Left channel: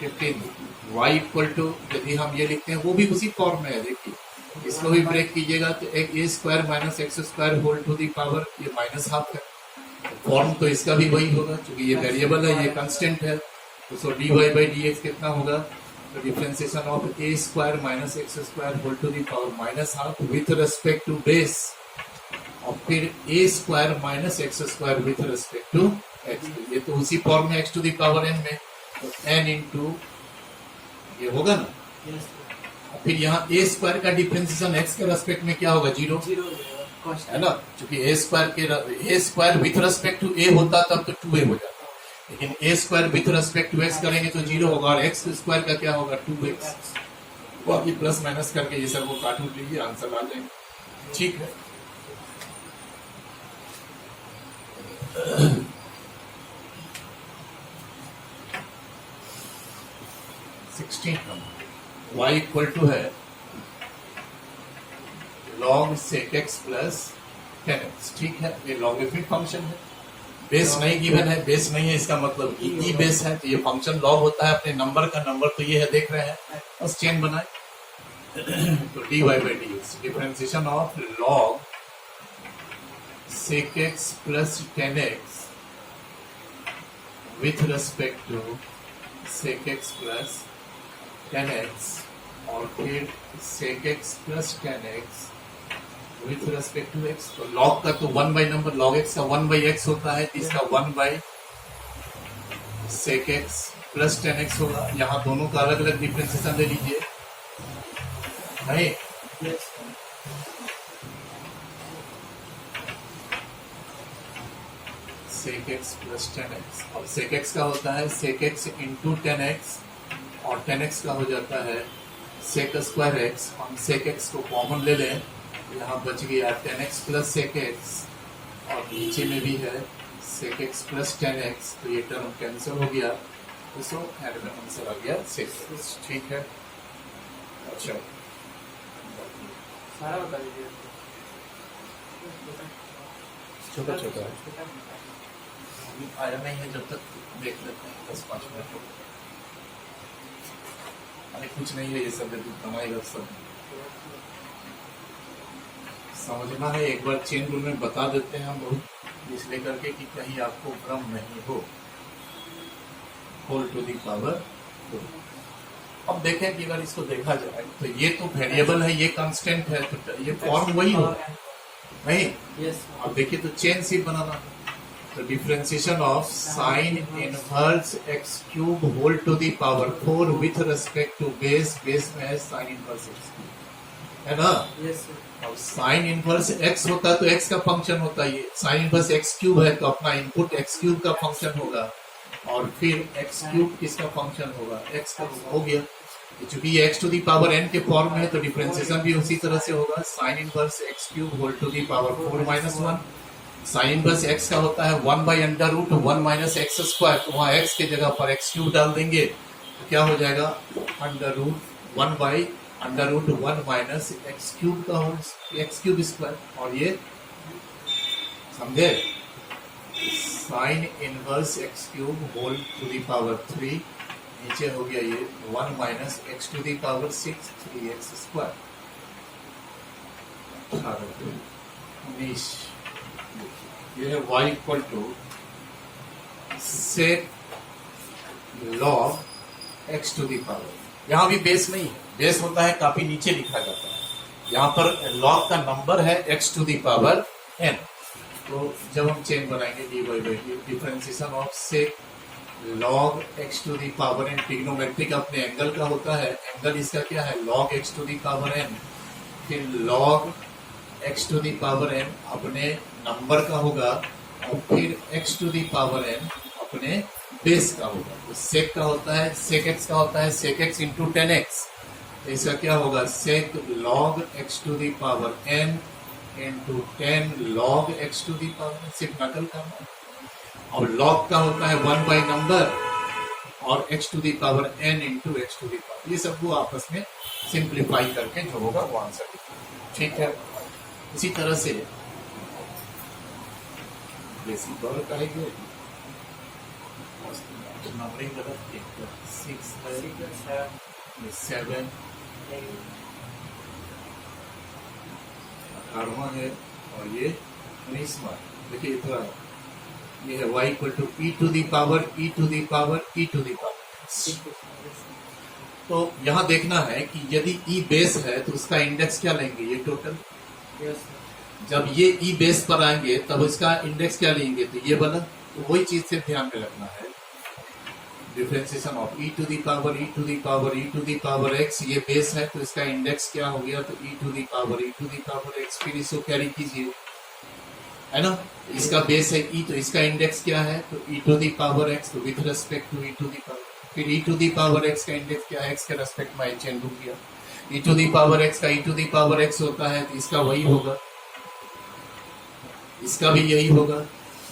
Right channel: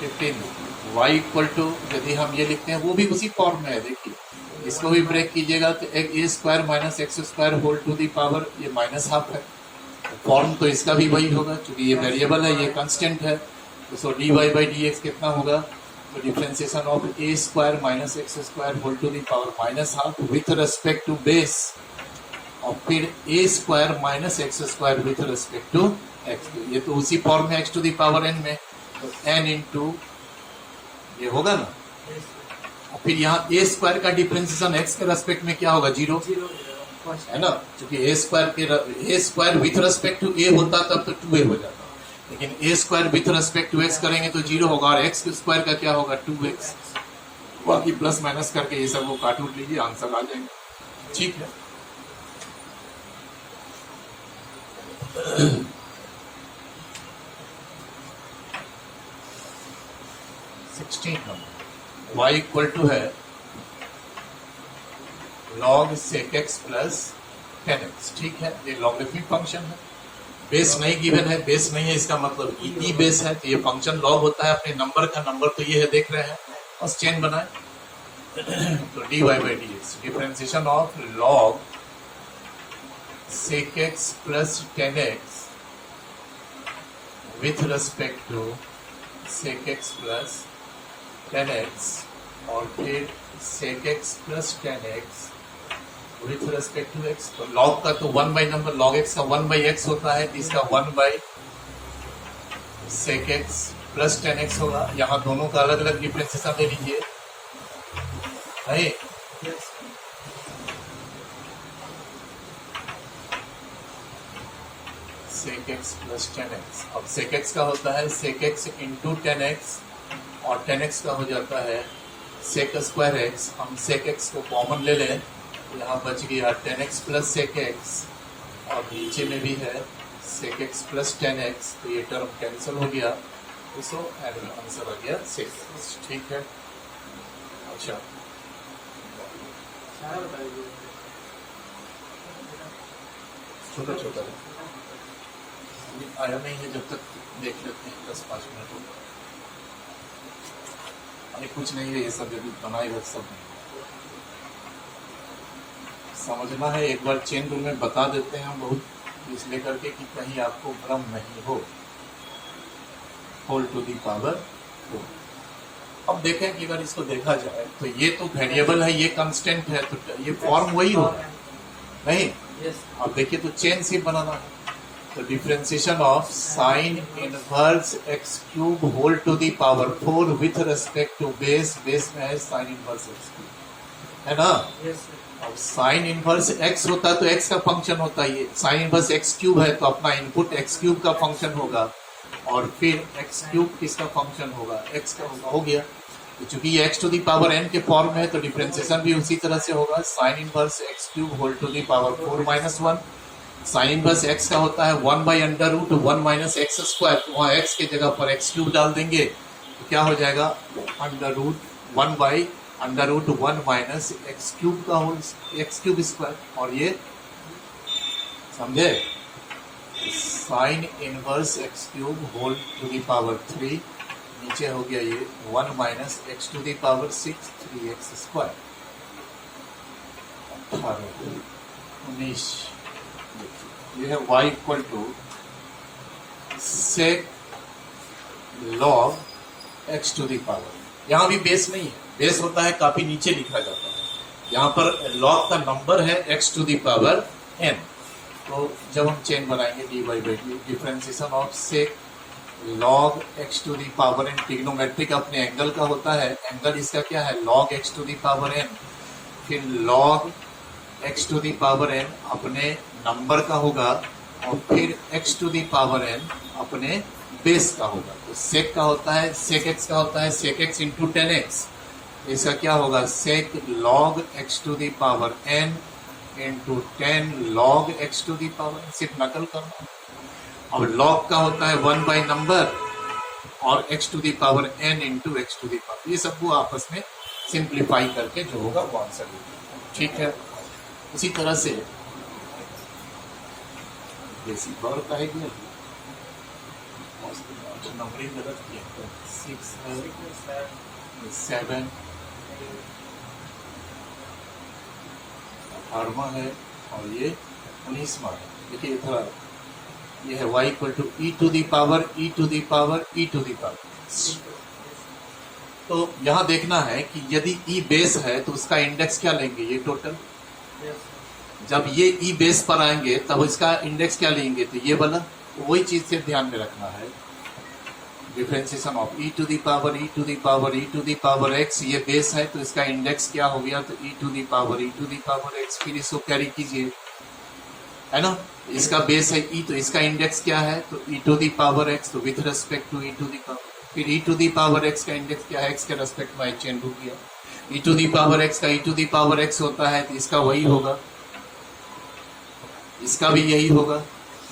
15 y equal to, यदि हम ये लिखते हैं वो भी उसी फॉर्म में है, देखिए इसको भी ब्रेक कीजिएगा तो एक a square minus x square whole to the power, ये माइनस हाफ है, फॉर्म तो इसका भी वही होगा क्योंकि ये वेरिएबल है, ये कांस्टेंट है, तो so d y by D x कितना होगा, तो differentiation of a square minus x square whole to the power minus half with respect to base, और फिर a square minus x square with respect to x, ये तो उसी form में x to the power n में, तो N into ये होगा ना, और फिर यहाँ ए स्क्वायर का डिफरेंशिएशन एक्स के रेस्पेक्ट में क्या होगा, जीरो है ना, क्योंकि a square with respect to a होता तब तो 2a हो जाता, लेकिन a square with respect to x करेंगे तो 0 होगा, और एक्स स्क्वायर का क्या होगा 2x, बाकी प्लस माइनस करके ये सब वो काट उठ लीजिए, आंसर आ जाएगा। ठीक है, y इक्वल टू है log sec x plus 10x, ठीक है, ये लॉगरिथमिक फंक्शन है, बेस नहीं गिवन है, बेस नहीं है इसका मतलब ई बेस है, तो ये फंक्शन लॉग होता है, अपने नंबर का नंबर तो ये है, देख रहे हैं, बस चेन बनाए तो dy by D X, differentiation of log sec x plus 10x with respect to sec x plus 10x, और फिर sec x plus 10x with respect to x, तो log का तो 1 बाई नंबर, log x का 1 by x होता है, इसका 1 by sec x plus 10x होगा, यहाँ दोनों का अलग अलग डिफरेंशिएशन ले लीजिए, नहीं sec x प्लस 10x, अब sec x का होता है sec x इंटू 10x, और 10x का हो जाता है sec स्क्वायर x, हम sec x को कॉमन ले लें, यहाँ बच गया 10x प्लस sec x, और नीचे में भी है sec x प्लस 10x, तो ये टर्म कैंसिल हो गया, तो एंड में आंसर आ गया sec x। ठीक है, अच्छा छोटा छोटा है, आया नहीं है, जब तक देख लेते हैं 10-5 मिनट हो, अरे कुछ नहीं है, ये सब जब बनाएगा सब समझना है, एक बार चेन रूल में बता देते हैं हम बहुत, इसलिए करके कि कहीं आपको भ्रम नहीं हो, होल टू दी पावर 4। अब देखें कि अगर इसको देखा जाए तो ये तो वेरिएबल है, ये कांस्टेंट है, तो ये फॉर्म वही होगा नहीं, अब देखिए तो चेन सी बनाना है, तो differentiation of sine inverse X cube whole to the power 4 with respect to base, base में है साइन इनवर्स एक्स क्यूब, है ना, अब साइन इनवर्स एक्स होता है तो एक्स का फंक्शन होता है, ये साइन इनवर्स एक्स क्यूब है तो अपना इनपुट एक्स क्यूब का फंक्शन होगा, और फिर एक्स क्यूब किसका फंक्शन होगा, एक्स का होगा, हो गया, चूंकि ये X to the power N के फॉर्म में है तो डिफरेंशिएशन भी उसी तरह से होगा, sine inverse X cube whole to the power 4 minus 1, sine inverse X का होता है 1 by under root 1 minus x square, तो वहाँ एक्स के जगह पर एक्स क्यूब डाल देंगे तो क्या हो जाएगा, under root 1 by under root 1 minus X cube का होल एक्स क्यूब स्क्वायर, और ये समझे, sine inverse X cube whole to the power 3, नीचे हो गया ये 1 minus X to the power 6 3x square, 18 19, ये है y equal to sec log x to the power, यहाँ भी बेस नहीं है, बेस होता है काफी नीचे लिखा जाता है, यहाँ पर लॉग का नंबर है x to the power n, तो जब हम चेन बनाएंगे dy by D, differentiation of sec log x to the power n, trigonometric अपने एंगल का होता है, एंगल इसका क्या है log x to the power n, फिर log x to the power n अपने नंबर का होगा, और फिर x to the power n अपने बेस का होगा, तो sec का होता है sec x का होता है sec x इंटू 10x, तो इसका क्या होगा sec log x to the power n into 10 log x to the power n, सिर्फ नकल करना है, और log का होता है 1 बाई नंबर और x to the power n into X to the power, ये सब वो आपस में सिंप्लीफाई करके जो होगा वो आंसर लिखेंगे। ठीक है, उसी तरह से बेसिक और कहेंगे। नंबरिंग गलत किया, 6 है, 7, 18वां है और ये 19वां है। देखिए इधर ये है y equal to e to the power e to the power e to the power. तो यहाँ देखना है कि यदि e बेस है तो उसका इंडेक्स क्या लेंगे, ये टोटल। जब ये e बेस पर आएंगे तब इसका इंडेक्स क्या लेंगे, तो ये वाला। वही चीज से ध्यान में रखना है, differentiation of e to the power e to the power e to the power x, ये बेस है तो इसका इंडेक्स क्या हो गया, तो e to the power e to the power x। फिर इसको कैरी कीजिए, है ना, इसका बेस है e तो इसका इंडेक्स क्या है, तो e to the power x, तो with respect to e to the power. फिर e to the power x का इंडेक्स क्या है, x के रेस्पेक्ट में चेंज हो गया। e to the power x का e to the power x होता है तो इसका वही होगा, इसका भी यही होगा,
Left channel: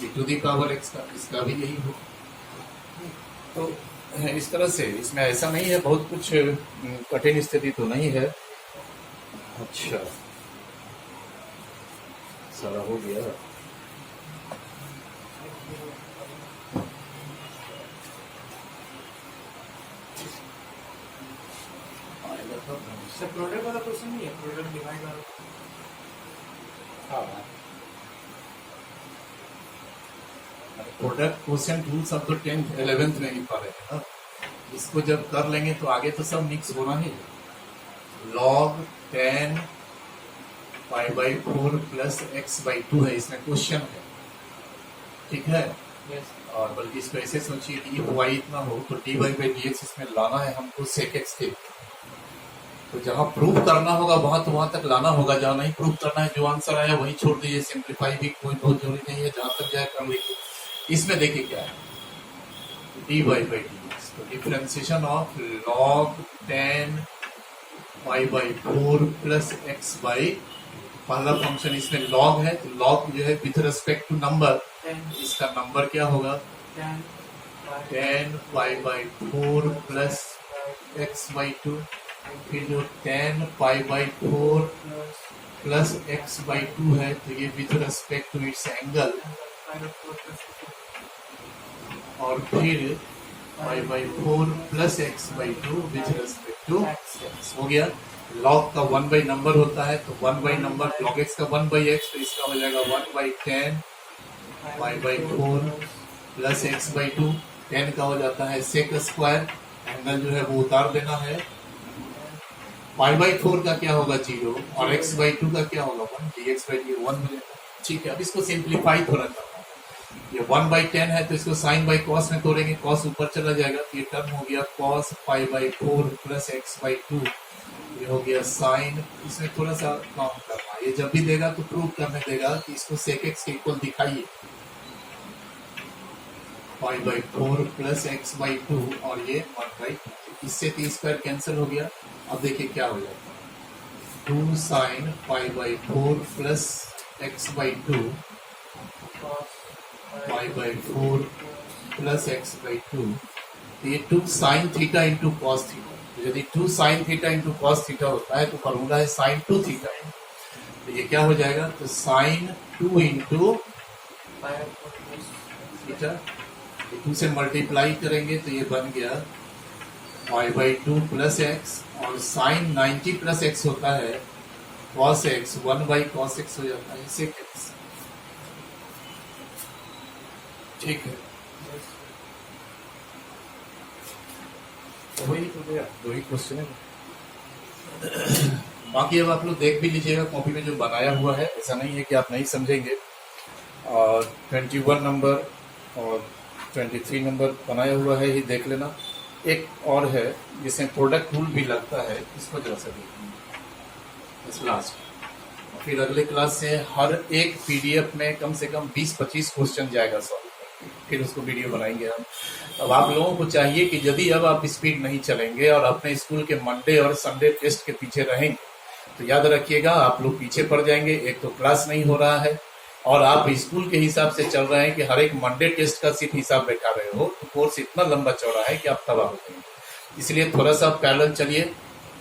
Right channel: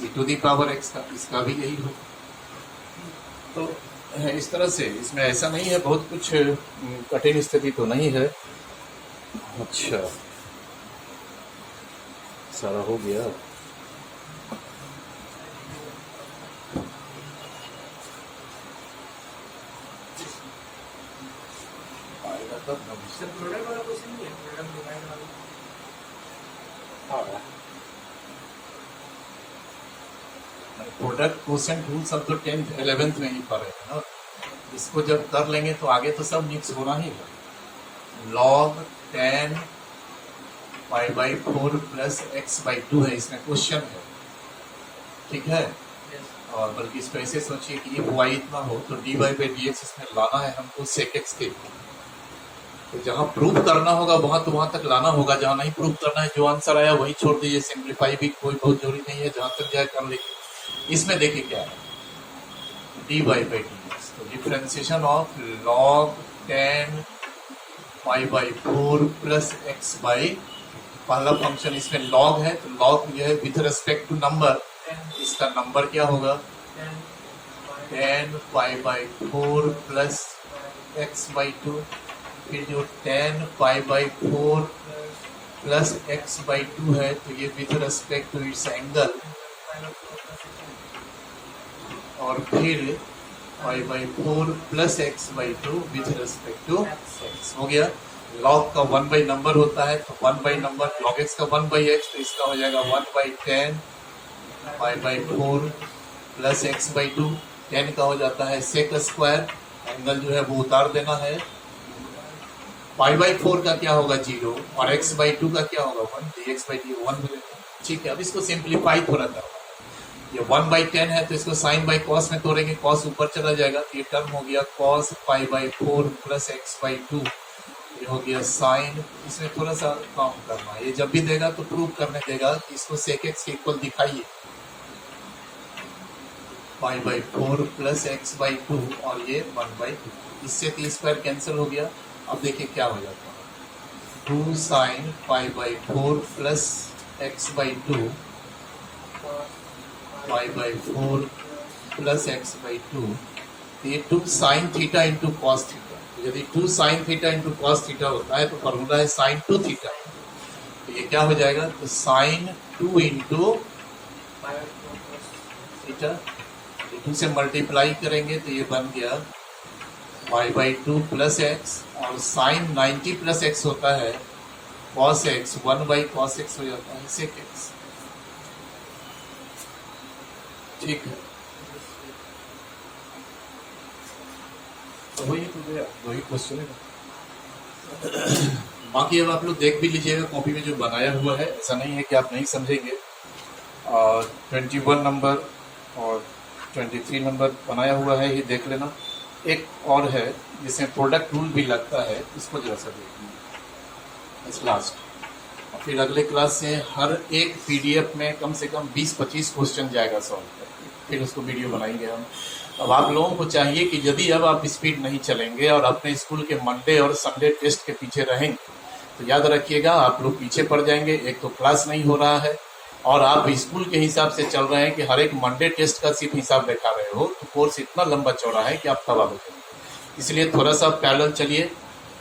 e to the power x का, इसका भी यही होगा। तो इस तरह से इसमें ऐसा नहीं है, बहुत कुछ कठिन स्थिति तो नहीं है। अच्छा, सारा हो गया। आएगा तब सर प्रोडक्ट वाला क्वेश्चन नहीं है, प्रोडक्ट डिवाइड वाला। हाँ, प्रोडक्ट क्वेश्चन टूल सब तो 10th 11th में ही पढ़े हैं ना, इसको जब कर लेंगे तो आगे तो सब मिक्स होना ही है। log 10 π/4 प्लस x/2 है, इसमें क्वेश्चन है, ठीक है। और बल्कि इसको ऐसे सोचिए कि ये y इतना हो तो dy/dx इसमें लाना है हमको sec x के। तो जहां प्रूव करना होगा वहां तो वहां तक लाना होगा, जहां नहीं प्रूव करना है जो आंसर आया वही छोड़ दीजिए, सिंप्लीफाई भी कोई बहुत जरूरी नहीं है, जहां तक जाए कर लीजिए। इसमें देखिए क्या है, dy/dx, तो differentiation of log 10 π/4 plus x by, पहला फंक्शन इसमें log है तो log जो है विथ रेस्पेक्ट टू नंबर, इसका नंबर क्या होगा 10 π/4 प्लस x/2। फिर जो 10 π/4 प्लस x/2 है तो ये with respect to its angle, और फिर π/4 plus x/2 with respect to x हो गया। log का 1 नंबर होता है तो 1 नंबर, log x का 1/x, तो इसका हो जाएगा 1/10 π/4 प्लस x/2। 10 का हो जाता है sec स्क्वायर, एंगल जो है वो उतार देना है। π/4 का क्या होगा 0 और x/2 का क्या होगा 1, dx/dy 1 हो जाएगा। ठीक है, अब इसको सिंप्लीफाई थोड़ा करना है। ये 1/10 है तो इसको साइन बाई कॉस में तोड़ेंगे, कॉस ऊपर चला जाएगा तो ये टर्म हो गया cos π/4 प्लस x/2, ये हो गया साइन। इसमें थोड़ा सा काम करना है, ये जब भी देगा तो प्रूव करने देगा कि इसको sec x के इक्वल दिखाइए, π/4 प्लस x/2 और ये 1/2, इससे 3² कैंसिल हो गया। अब देखिए क्या हो जाता है, 2 sign π/4 plus x/2 π/4 plus x/2, तो ये 2 sine theta into cos theta. तो यदि 2 sine theta into cos theta होता है तो फॉर्मूला है साइन 2 थीटा, तो ये क्या हो जाएगा, तो साइन 2 इंटू थीटा, 2 से मल्टीप्लाई करेंगे तो ये बन गया π/2 प्लस x, और साइन 90 प्लस x होता है cos x, 1/cos x हो जाता है sec x। ठीक है, तो वही तो गया, 2 ही क्वेश्चन है। बाकी अब आप लोग देख भी लीजिएगा कॉपी में जो बनाया हुआ है, ऐसा नहीं है कि आप नहीं समझेंगे। और 21 नंबर और 23 नंबर बनाया हुआ है, ही देख लेना। एक और है जिसमें प्रोडक्ट रूल भी लगता है, इसको जरा सा देखिए लास्ट। और फिर अगले क्लास से हर एक पीडीएफ में कम से कम 20-25 क्वेश्चन जाएगा सॉल्व करके, फिर उसको वीडियो बनाएंगे हम। अब आप लोगों को चाहिए कि यदि अब आप स्पीड नहीं चलेंगे और अपने स्कूल के मंडे और संडे टेस्ट के पीछे रहेंगे तो याद रखिएगा आप लोग पीछे पड़ जाएंगे। एक तो क्लास नहीं हो रहा है और आप स्कूल के हिसाब से चल रहे हैं कि हर एक मंडे टेस्ट का सिर्फ हिसाब बैठा रहे हो, तो कोर्स इतना लंबा चौड़ा है कि आप तबाह हो जाएंगे। इसलिए थोड़ा सा पैरेलल चलिए,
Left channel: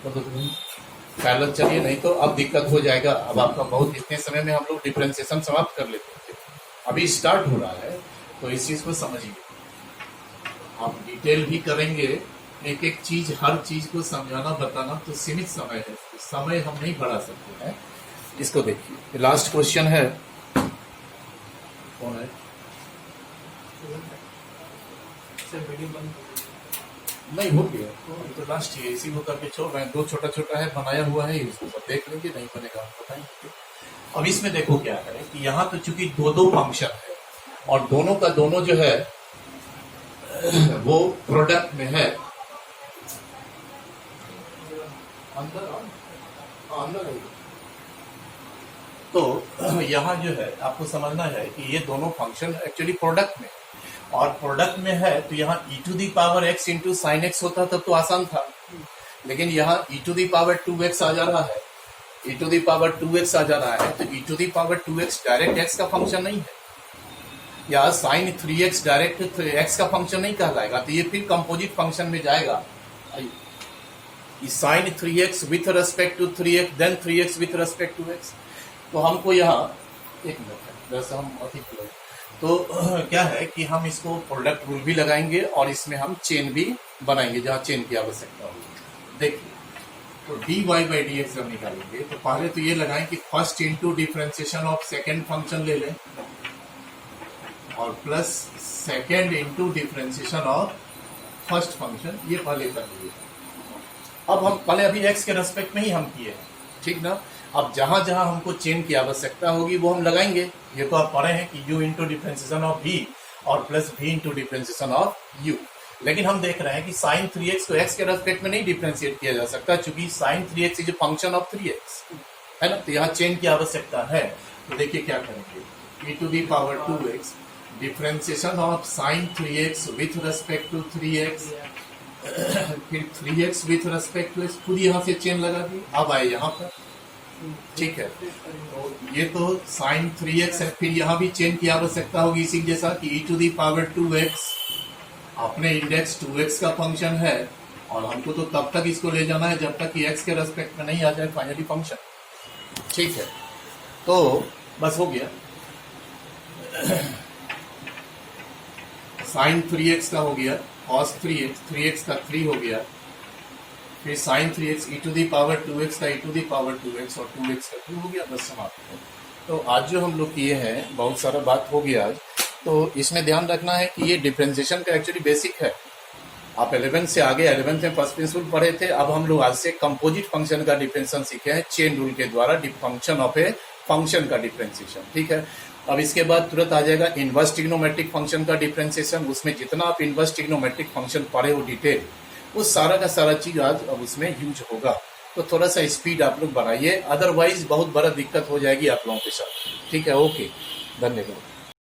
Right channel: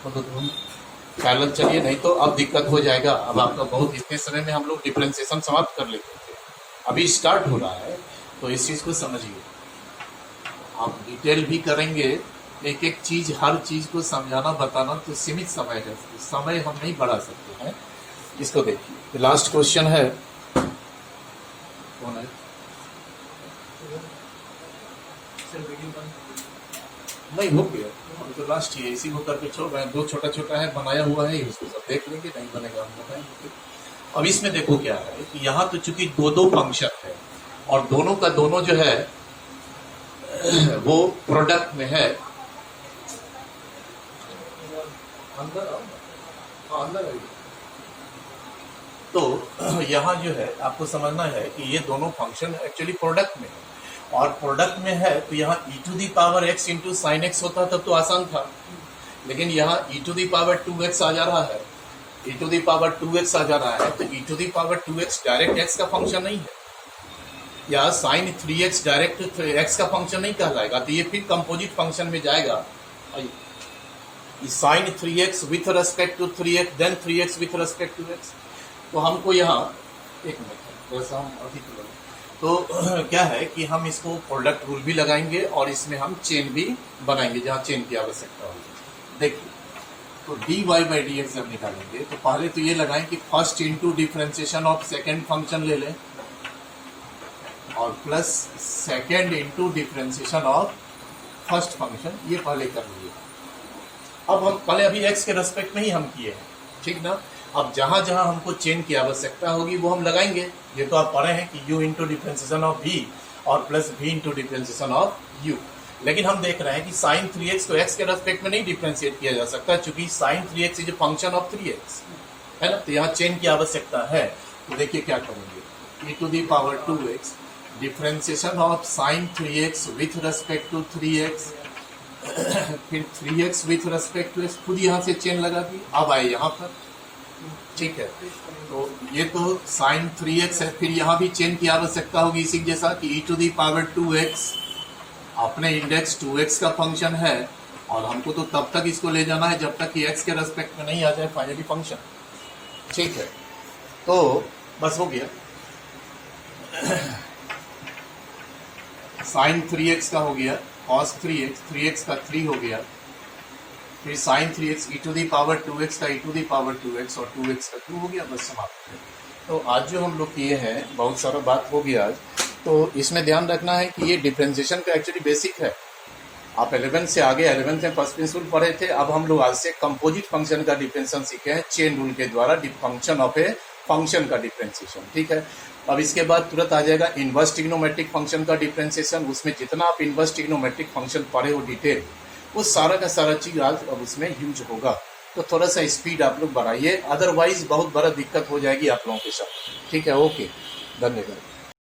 पैरेलल चलिए, नहीं तो अब दिक्कत हो जाएगा। अब आपका बहुत, इतने समय में हम लोग डिफरेंशिएशन समाप्त कर लेते थे, अभी स्टार्ट हो रहा है, तो इस चीज को समझिए। आप डिटेल भी करेंगे, एक एक चीज हर चीज को समझाना बताना तो सीमित समय है, समय हम नहीं बढ़ा सकते हैं। इसको देखिए, लास्ट क्वेश्चन है, कौन है? सर मीटिंग बंद कर दीजिए। नहीं, हो गया, अभी तो लास्ट ही है, इसी को करके छोड़ रहे हैं। 2 छोटा छोटा है, बनाया हुआ है, उसको सब देख लेंगे, नहीं बनेगा हम बताएंगे। अब इसमें देखो क्या है कि यहाँ तो चूंकि 2 फंक्शन है और दोनों का दोनों जो है वो प्रोडक्ट में है। अंदर आइए। तो यहाँ जो है आपको समझना है कि ये दोनों फंक्शन एक्चुअली प्रोडक्ट में है, और प्रोडक्ट में है तो यहाँ e⁻x इंटू साइन एक्स होता तब तो आसान था, लेकिन यहाँ e⁻2x आ जा रहा है, e⁻2x आ जा रहा है, तो e⁻2x डायरेक्ट x का फंक्शन नहीं है, या साइन 3x डायरेक्ट x का फंक्शन नहीं कहलाएगा, तो ये फिर कंपोजिट फंक्शन में जाएगा। Sine 3x with respect to 3x then 3x with respect to x। तो हमको यहाँ एक मिनट वैसे हम अधिक लोग तो क्या है कि हम इसको प्रोडक्ट रूल भी लगाएंगे और इसमें हम चेन भी बनाएंगे जहाँ चेन की आवश्यकता होगी। देखिए, तो dy/dx जब निकालेंगे तो पहले तो ये लगाएं कि first into differentiation of second function ले लें और plus second into differentiation of first function, ये पहले कर लीजिए। अब हम पहले अभी x के रेस्पेक्ट में ही हम किए हैं, ठीक ना। अब जहां जहां हमको चेन की आवश्यकता होगी वो हम लगाएंगे। ये तो आप पढ़े हैं कि u into differentiation of v और plus v into differentiation of u, लेकिन हम देख रहे हैं कि साइन 3x को x के रेस्पेक्ट में नहीं डिफरेंशिएट किया जा सकता, चूंकि sine 3x is a function of 3x, है ना। तो यहाँ चेन की आवश्यकता है, तो देखिए क्या करेंगे, e⁻2x differentiation of sine 3x with respect to 3x, फिर 3x with respect to x, खुद यहाँ से चेन लगा दी। अब आए यहाँ पर, ठीक है, तो ये तो साइन 3x है, फिर यहाँ भी चेन की आवश्यकता होगी इसी जैसा कि e⁻2x अपने इंडेक्स 2x का फंक्शन है, और हमको तो तब तक इसको ले जाना है जब तक कि x के रेस्पेक्ट में नहीं आ जाए फाइनली फंक्शन, ठीक है। तो बस हो गया, साइन 3x का हो गया, cos 3x का 3 हो गया, फिर साइन 3x e⁻2x का e⁻2x और 2x का 2 हो गया, बस समाप्त है। तो आज जो हम लोग किए हैं, बहुत सारा बात हो गया आज। तो इसमें ध्यान रखना है कि ये डिफरेंशिएशन का एक्चुअली बेसिक है। आप 11 से आगे 11th में फर्स्ट प्रिंसिपल पढ़े थे, अब हम लोग आज से कंपोजिट फंक्शन का डिफरेंशिएशन सीखे हैं चेन रूल के द्वारा, फंक्शन ऑफ ए फंक्शन का डिफरेंशिएशन, ठीक है। अब इसके बाद तुरंत आ जाएगा इनवर्स ट्रिग्नोमेट्रिक फंक्शन का डिफरेंशिएशन। उसमें जितना आप इनवर्स ट्रिग्नोमेट्रिक फंक्शन पढ़े हो डिटेल, वो सारा का सारा चीज आज अब उसमें यूज होगा। तो थोड़ा सा स्पीड आप लोग बढ़ाइए, अदरवाइज बहुत बड़ा दिक्कत हो जाएगी आप लोगों के साथ, ठीक है। ओके, धन्यवाद।